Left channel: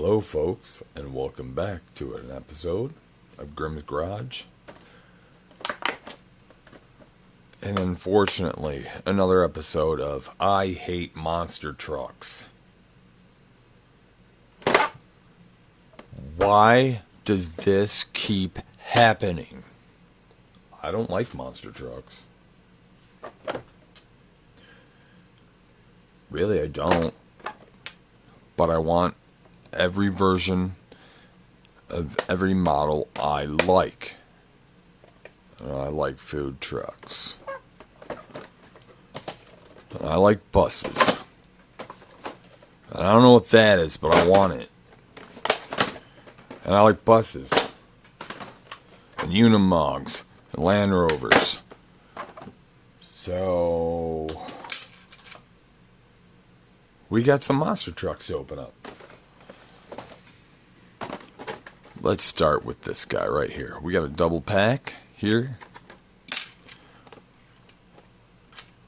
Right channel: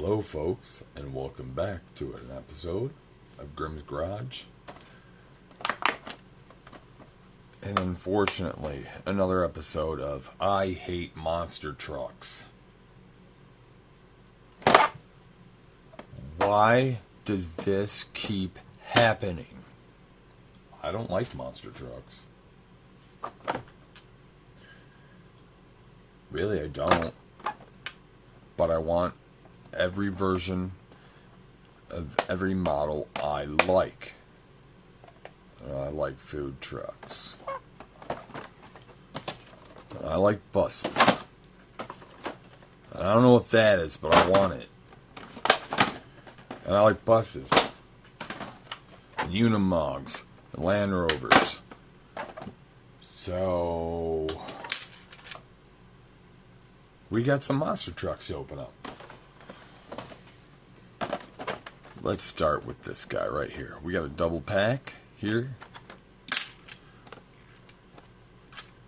Hello folks, and welcome back to an episode of Grimm's Garage. And unfortunately, another episode of I Hate Monster Trucks. Why does this keep happening? I don't like monster trucks. Really, I don't. But I want every version of every model I like. I like food trucks. I like buses. And I don't know what that is, but I want it. And I like buses. And Unimogs. And Land Rovers. So we got some monster trucks to open up. Let's start with this guy right here. We got a double pack here.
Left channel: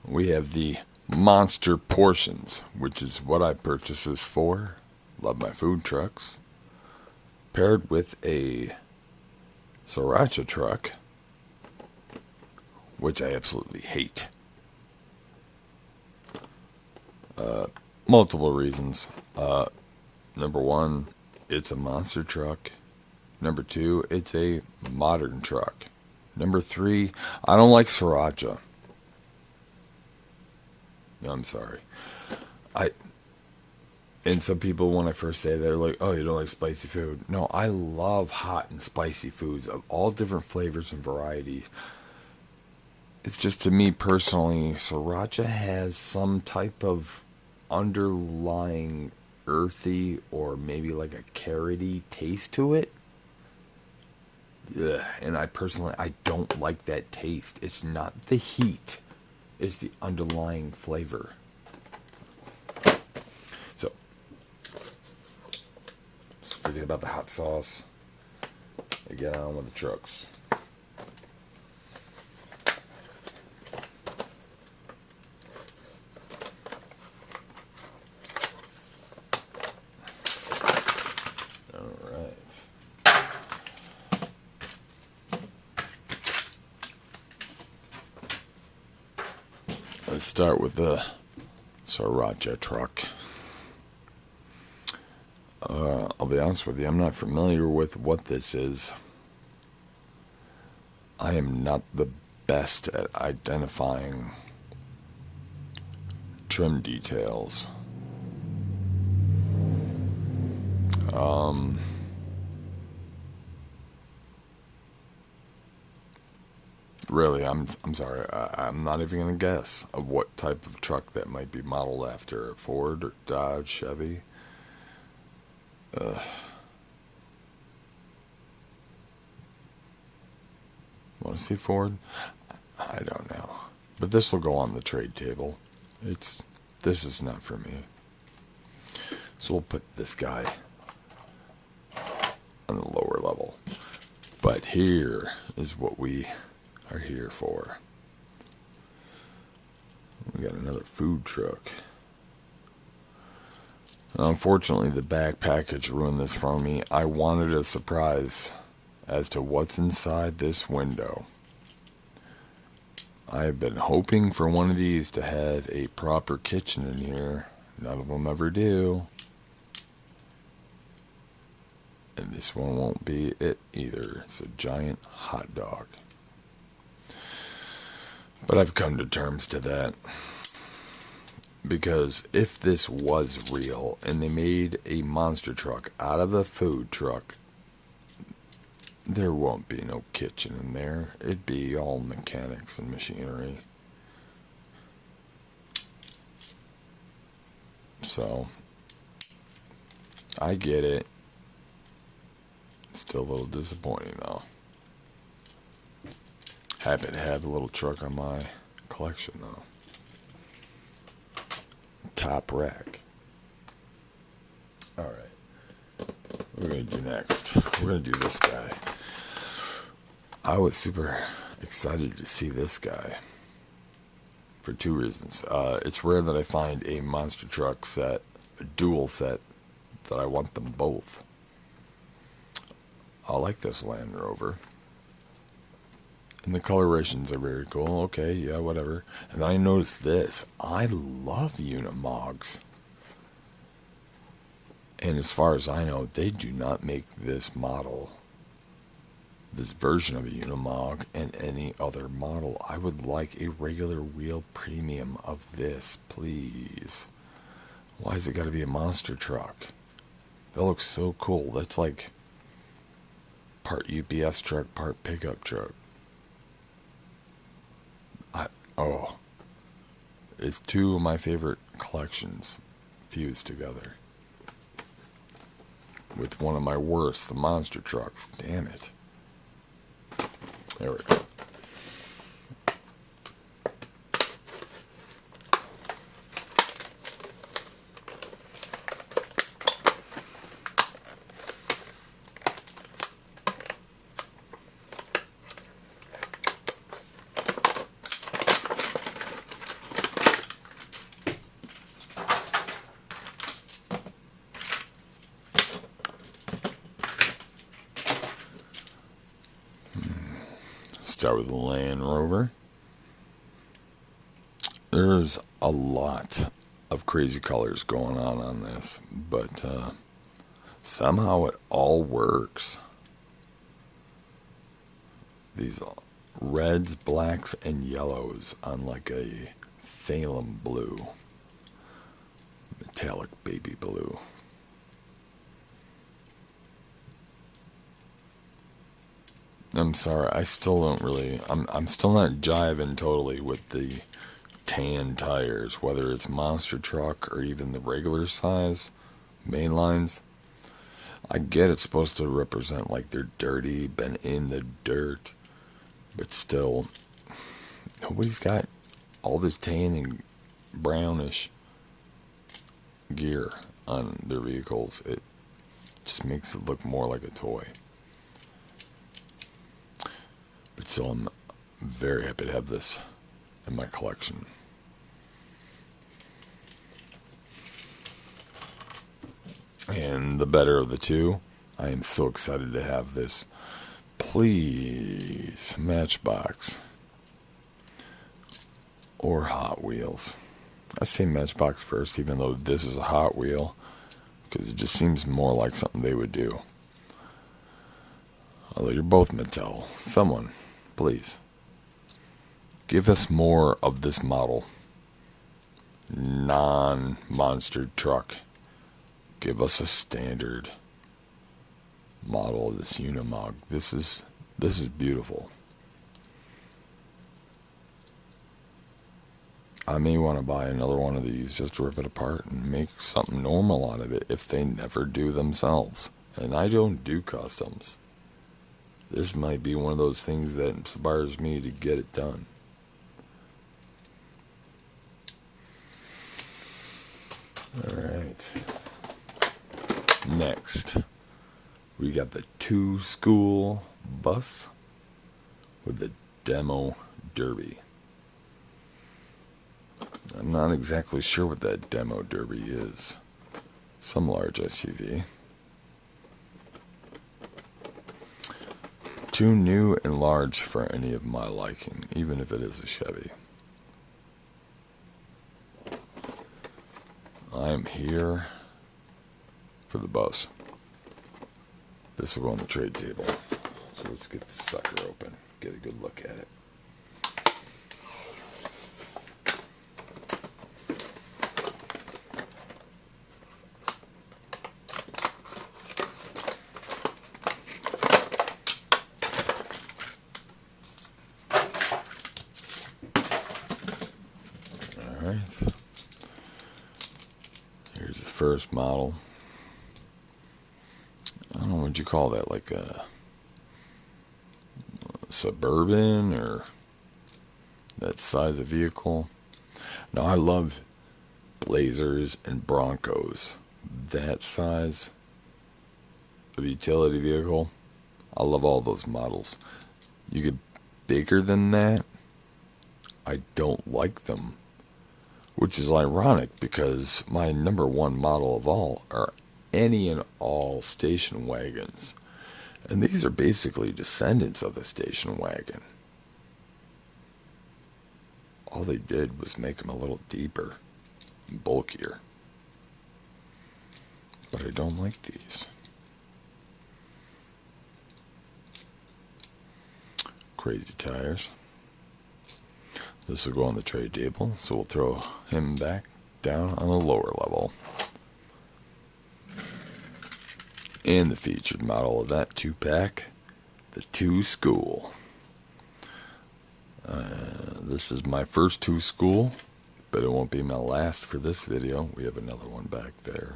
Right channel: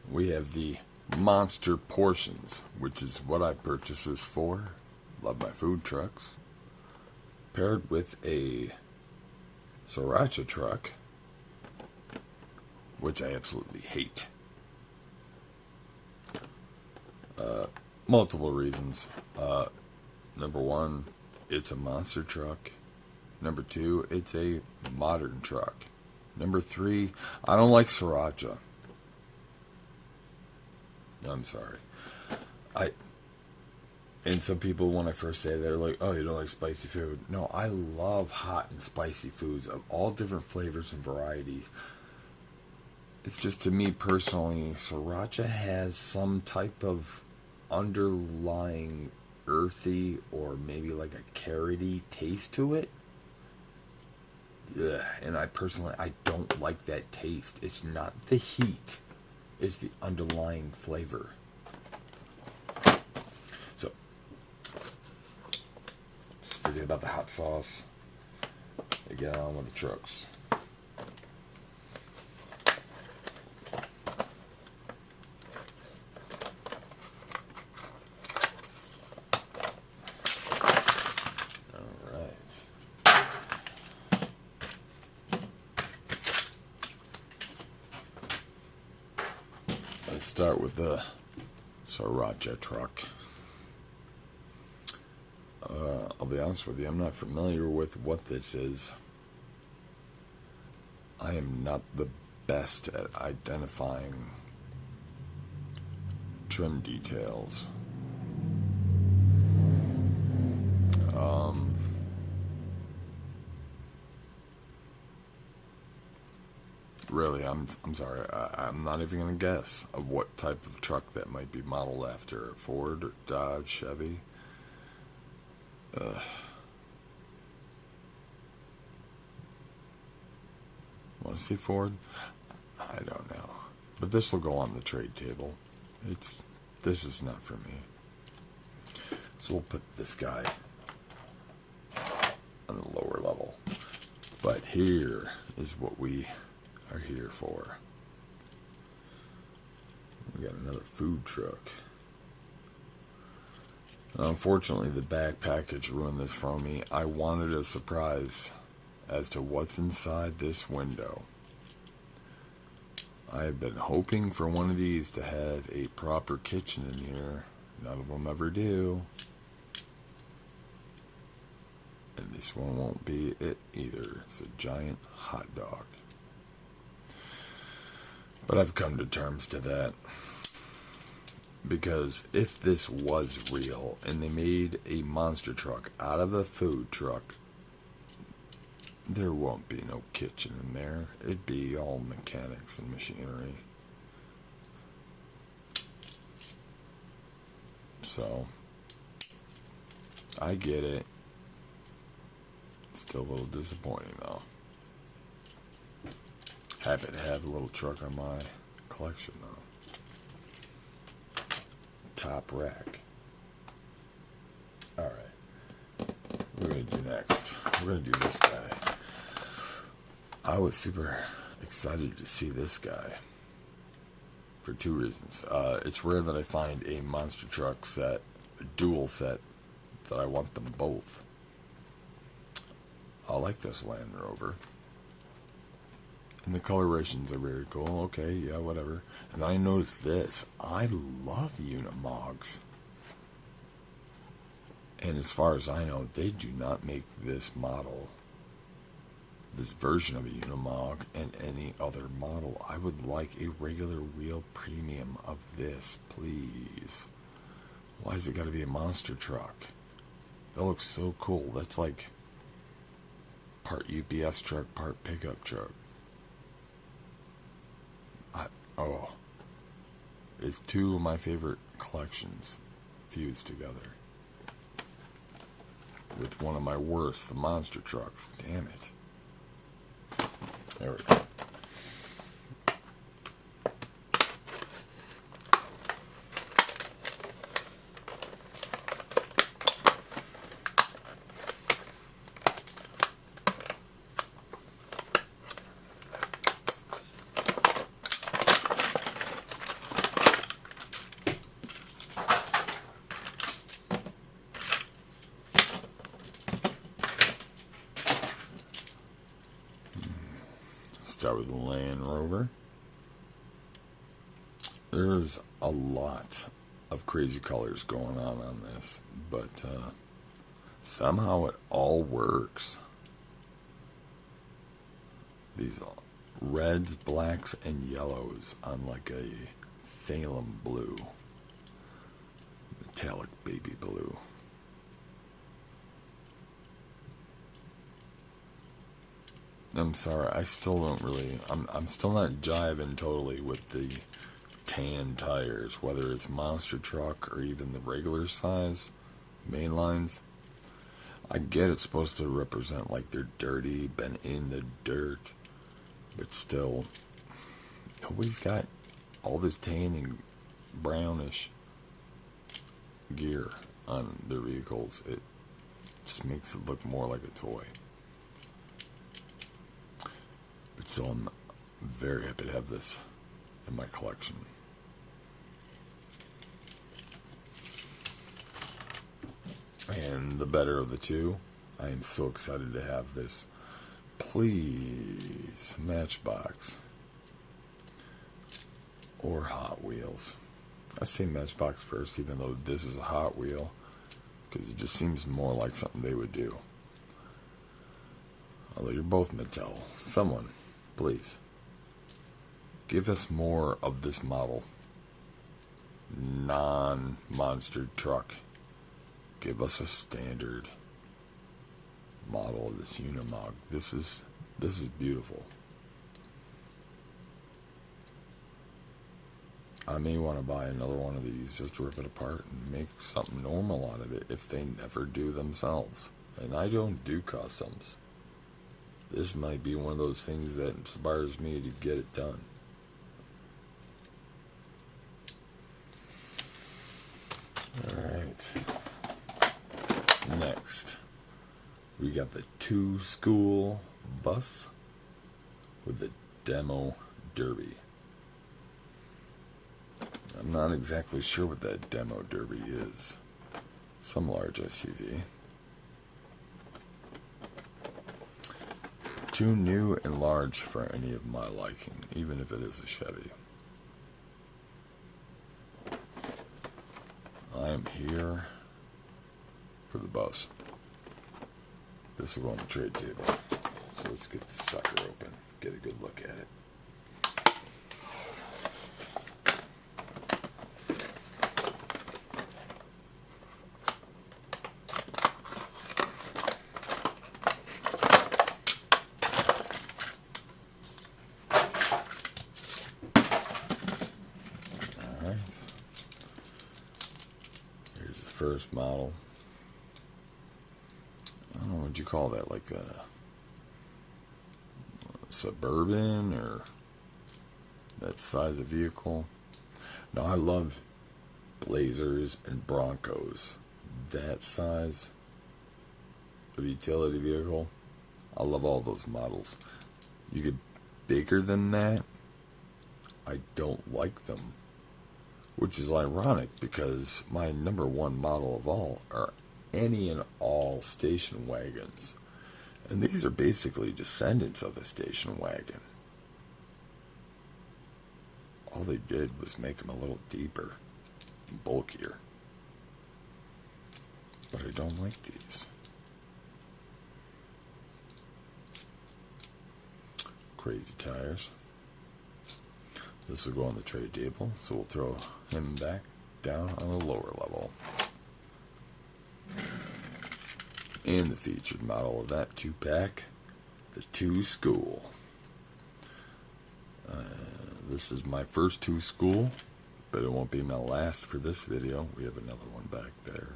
We have the Monster Portions, which is what I purchased this for. Love my food trucks. Paired with a Sriracha truck, which I absolutely hate. Multiple reasons. Number one, it's a monster truck. Number two, it's a modern truck. Number three, I don't like Sriracha. I'm sorry. And some people, when I first say, they're like, oh, you don't like spicy food. No, I love hot and spicy foods of all different flavors and varieties. It's just, to me personally, Sriracha has some type of underlying earthy or maybe like a carroty taste to it. Ugh. And I don't like that taste. It's not the heat. It's the underlying flavor. So, forget about the hot sauce. I get on with the trucks. Let's start with the Sriracha truck. I'll be honest with you, I'm not familiar with what this is. I am not the best at identifying trim details. Really, I'm sorry. I'm not even going to guess of what type of truck that might be modeled after. Ford or Dodge, Chevy. Want to see Ford? I don't know. But this will go on the trade table. This is not for me. So we'll put this guy on the lower level. But here is what we are here for. We got another food truck. Now, unfortunately, the back package ruined this for me. I wanted a surprise as to what's inside this window. I have been hoping for one of these to have a proper kitchen in here. None of them ever do. And this one won't be it either. It's a giant hot dog. But I've come to terms to that. Because if this was real and they made a monster truck out of a food truck, there won't be no kitchen in there. It'd be all mechanics and machinery. So, I get it. Still a little disappointing though. Happy to have a little truck on my collection though. Top rack. Alright. What we're going to do next. We're going to do this guy. I was super excited to see this guy. For two reasons. It's rare that I find a monster truck set, a dual set, that I want them both. I like this Land Rover. And the colorations are very cool. Okay, yeah, whatever. And then I noticed this. I love Unimogs. And as far as I know, they do not make this model, this version of a Unimog, and any other model. I would like a regular wheel premium of this, please. Why has it got to be a monster truck? That looks so cool. That's like part UPS truck, part pickup truck. Oh, it's two of my favorite collections fused together. With one of my worst, the monster trucks. Damn it. There we go. Start with the Land Rover. There's a lot of crazy colors going on this, but somehow it all works. These reds, blacks, and yellows on like a thalum blue, metallic baby blue. I'm sorry, I still don't really, I'm still not jiving totally with the tan tires, whether it's monster truck or even the regular size main lines. I get it's supposed to represent like they're dirty, been in the dirt, but still, nobody's got all this tan and brownish gear on their vehicles. It just makes it look more like a toy. So I'm very happy to have this in my collection. And the better of the two, I am so excited to have this. Please, Matchbox or Hot Wheels. I say Matchbox first, even though this is a Hot Wheel, because it just seems more like something they would do. Although you're both Mattel. Someone, please, give us more of this model. Non-monster truck. Give us a standard model of this Unimog. This is beautiful. I may want to buy another one of these just to rip it apart and make something normal out of it if they never do themselves. And I don't do customs. This might be one of those things that inspires me to get it done. Alright. Next, we got the 2-school bus with the demo derby. I'm not exactly sure what that demo derby is. Some large SUV. Too new and large for any of my liking, even if it is a Chevy. I am here for the bus. This will go on the trade table. So let's get this sucker open, get a good look at it. Here's the first model. I don't know what you call that, like a Suburban or that size of vehicle. Now I love Blazers and Broncos. That size of utility vehicle, I love all those models. You get bigger than that, I don't like them. Which is ironic because my number one model of all are any and all station wagons. And these are basically descendants of the station wagon. All they did was make them a little deeper and bulkier. But I don't like these. Crazy tires. This will go on the trade table, so we'll throw him back down on the lower level. And the featured model of that 2-pack, the 2 School. This is my first 2 School, but it won't be my last for this video. We have another one back there.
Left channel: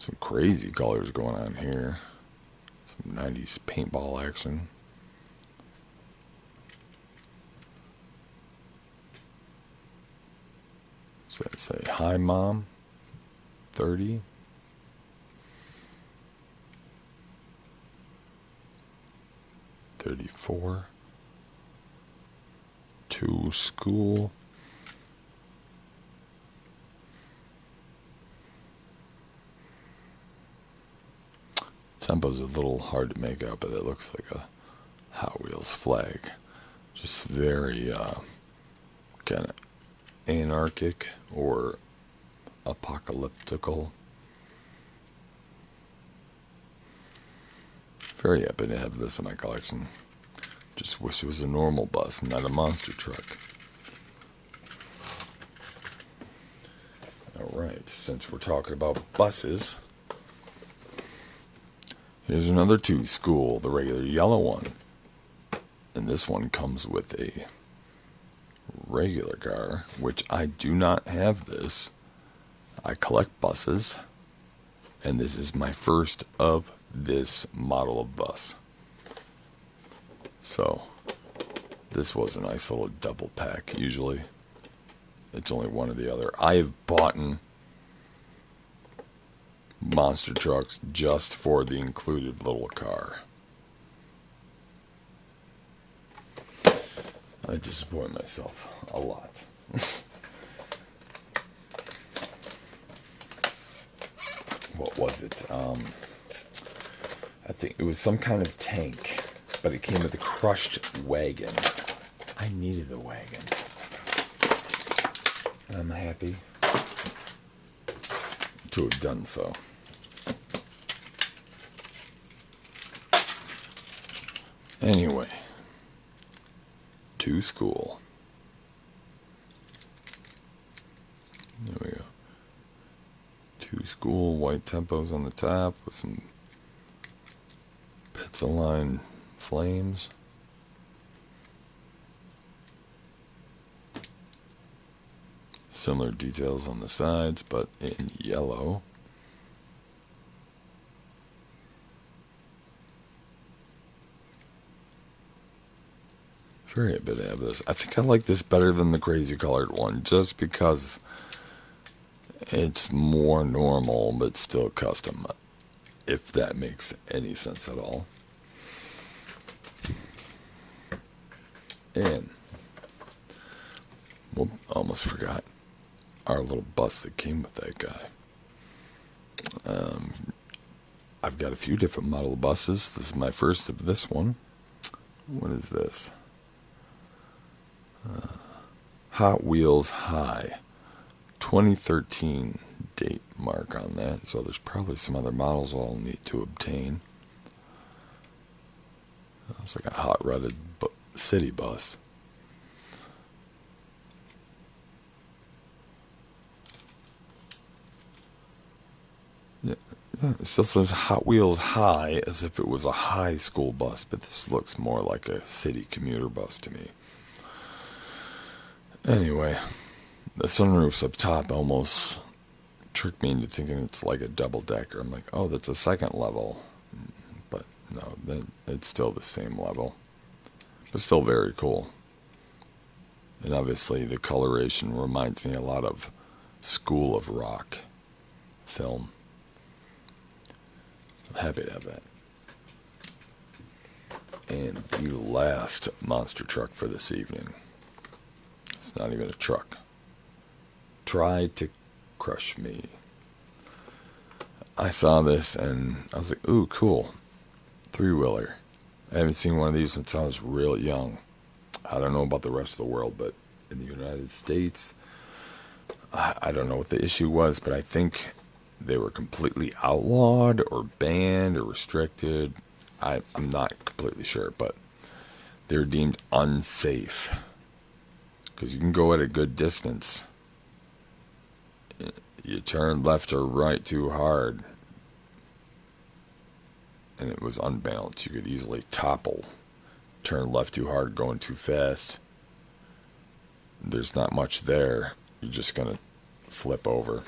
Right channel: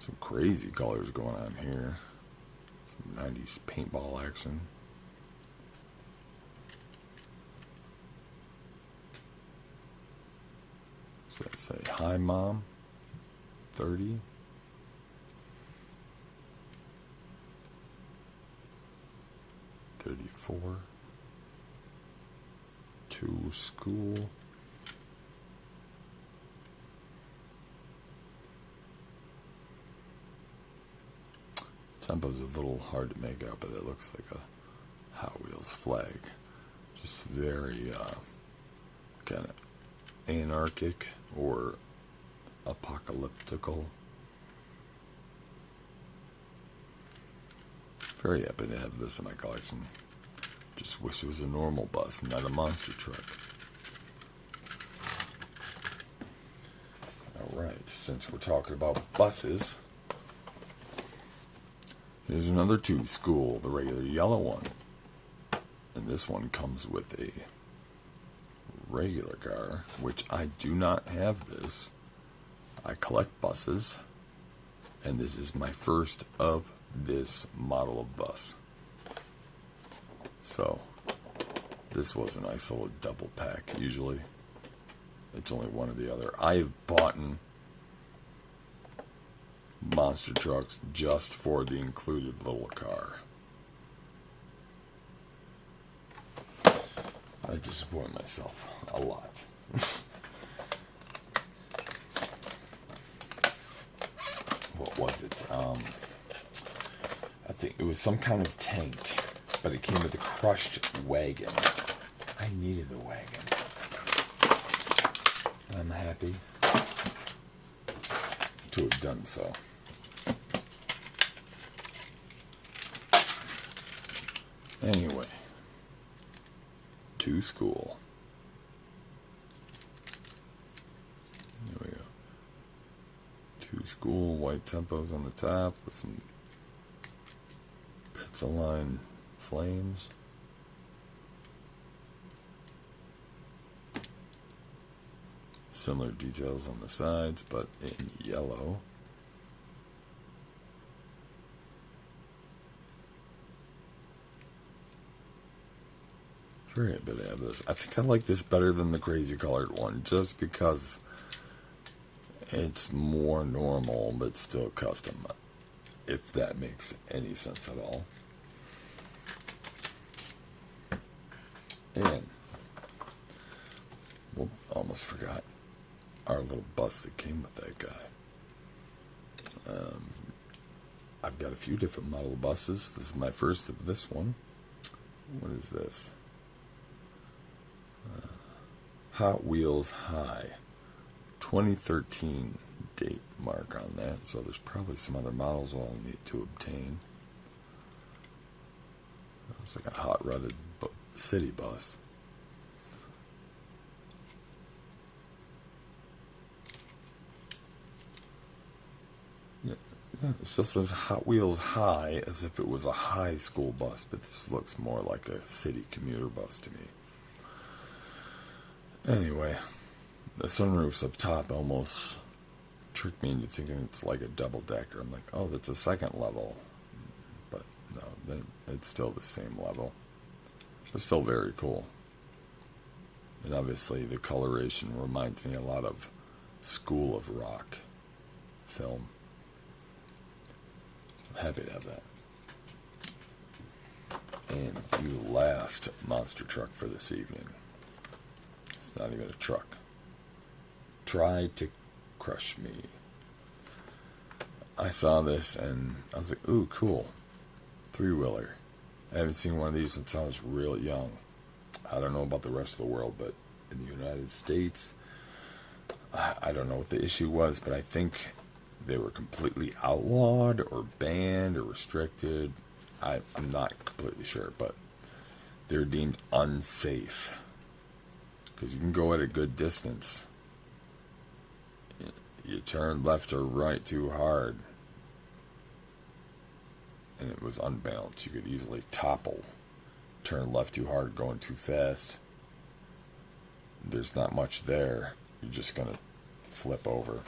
Some crazy colors going on here. Some 90s paintball action. So let's say, hi mom, 30. $34. 2 School. Tempo's a little hard to make out, but it looks like a Hot Wheels flag. Just very kind of anarchic or apocalyptical. Very happy to have this in my collection. Just wish it was a normal bus, not a monster truck. Alright, since we're talking about buses, here's another 2 School, the regular yellow one. And this one comes with a regular car, which I do not have this. I collect buses, and this is my first of this model of bus. So this was a nice little double pack. Usually it's only one or the other. I have bought monster trucks just for the included little car. I disappoint myself a lot. What was it? I think it was some kind of tank, but it came with a crushed wagon. I needed the wagon. I'm happy to have done so. Anyway, 2 School. There we go. 2 School, white tempos on the top with some pizza-line flames. Similar details on the sides, but in yellow. Very happy to have this. I think I like this better than the crazy colored one, just because it's more normal, but still custom, if that makes any sense at all. And, well, almost forgot our little bus that came with that guy. I've got a few different model buses. This is my first of this one. What is this? Hot Wheels High. 2013 date mark on that. So there's probably some other models I'll need to obtain. It's like a hot-rodded city bus. Yeah, it still says Hot Wheels High as if it was a high school bus, but this looks more like a city commuter bus to me. Anyway, the sunroof's up top almost tricked me into thinking it's like a double-decker. I'm like, oh, that's a second level. But no, it's still the same level. But still very cool. And obviously the coloration reminds me a lot of School of Rock film. I'm happy to have that. And the last monster truck for this evening. It's not even a truck. Try to crush me. I saw this and I was like, ooh, cool. Three-wheeler. I haven't seen one of these since I was real young. I don't know about the rest of the world, but in the United States, I don't know what the issue was, but I think they were completely outlawed or banned or restricted. I'm not completely sure, but they're deemed unsafe because you can go at a good distance. You turn left or right too hard, and it was unbalanced. You could easily topple. Turn left too hard, going too fast. There's not much there. You're just going to flip over.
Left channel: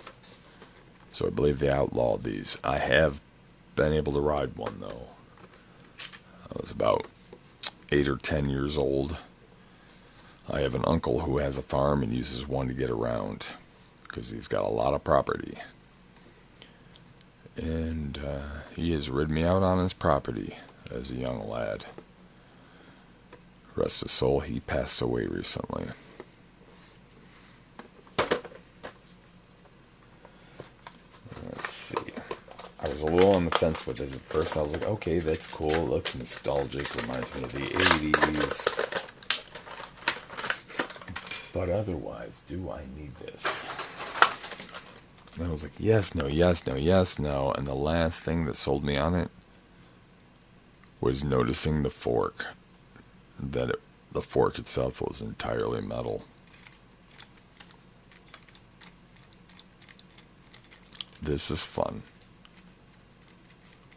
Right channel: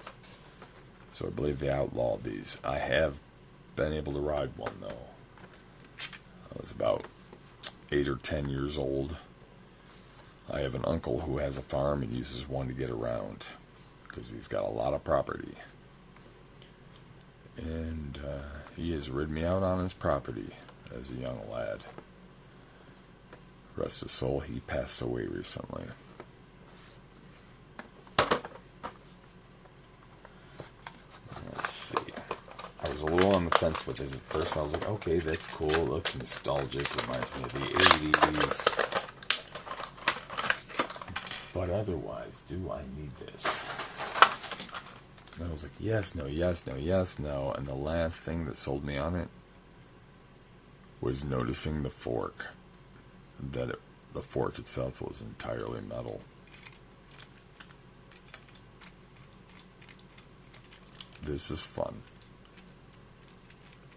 So I believe they outlawed these. I have been able to ride one, though. I was about 8 or 10 years old. I have an uncle who has a farm and uses one to get around because he's got a lot of property. And he has rid me out on his property as a young lad. Rest his soul, he passed away recently. Let's see. I was a little on the fence with this at first. I was like, okay, that's cool. It looks nostalgic. Reminds me of the 80s. But otherwise, do I need this? And I was like, yes, no, yes, no, yes, no. And the last thing that sold me on it was noticing the fork. The fork itself was entirely metal. This is fun.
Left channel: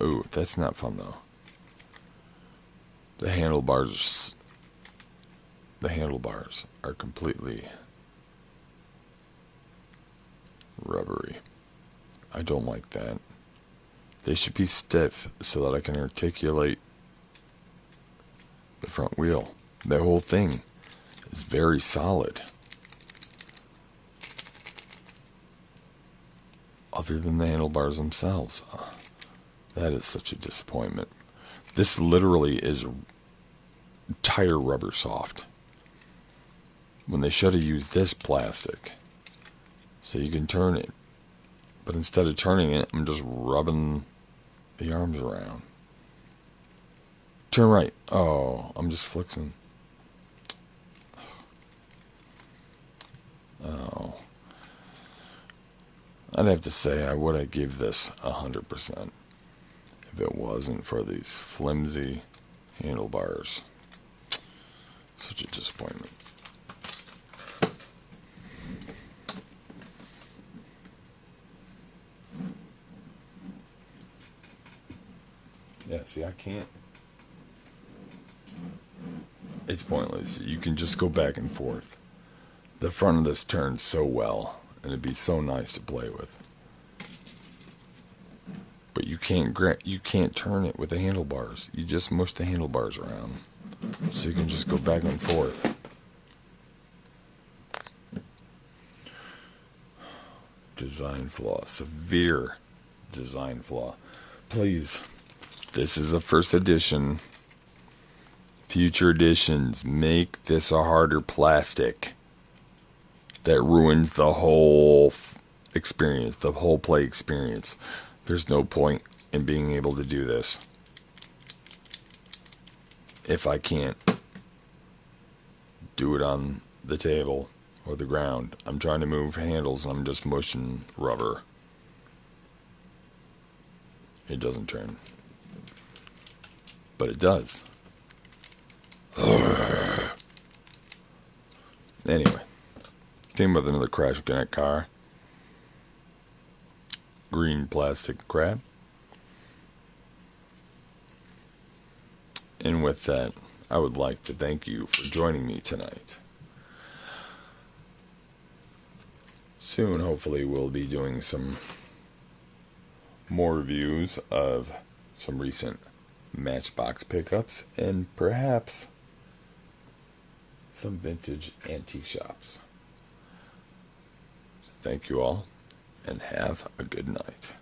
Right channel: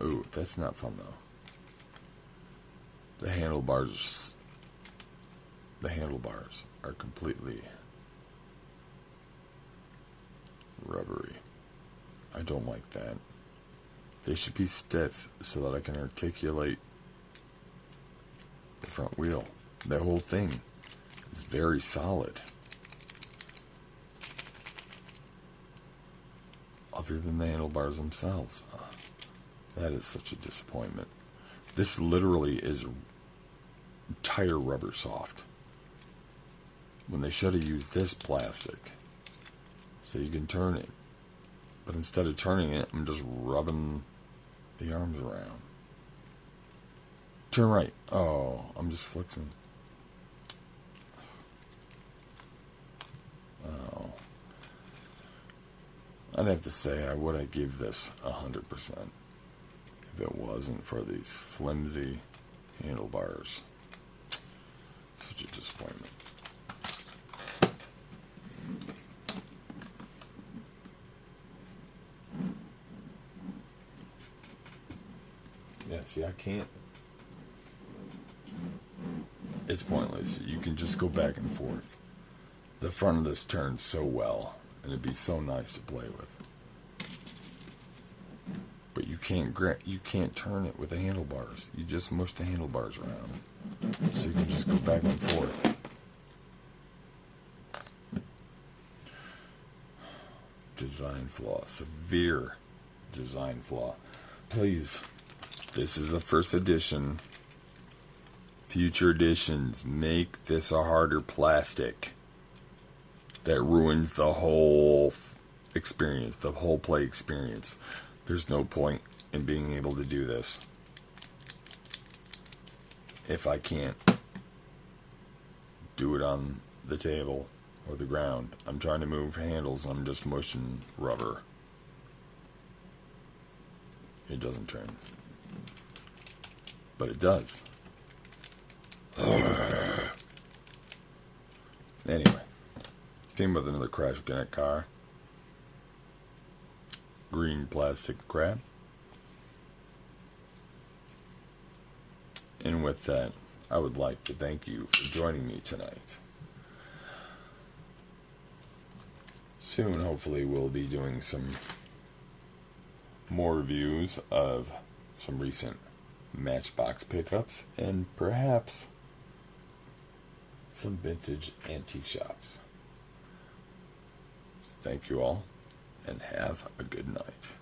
Ooh, that's not fun though. The handlebars are completely rubbery. I don't like that. They should be stiff so that I can articulate the front wheel. The whole thing is very solid. Other than the handlebars themselves. That is such a disappointment. This literally is tire rubber soft. When they should have used this plastic so you can turn it. But instead of turning it, I'm just rubbing the arms around. Turn right. Oh, I'm just flexing. Oh. I'd have to say I would have give this 100% if it wasn't for these flimsy handlebars. Such a disappointment. Yeah, see, I can't. It's pointless. You can just go back and forth. The front of this turns so well, and it'd be so nice to play with. But you can't turn it with the handlebars. You just mush the handlebars around. So you can just go back and forth. Design flaw. Severe design flaw. Please. This is a first edition. Future editions, make this a harder plastic. That ruins the whole experience, the whole play experience. There's no point in being able to do this if I can't do it on the table or the ground. I'm trying to move handles and I'm just mushing rubber. It doesn't turn. But it does. Anyway. Came with another Crash Connect car. Green plastic crab. And with that, I would like to thank you for joining me tonight. Soon, hopefully, we'll be doing some more reviews of some recent Matchbox pickups and perhaps some vintage antique shops. Thank you all, and have a good night.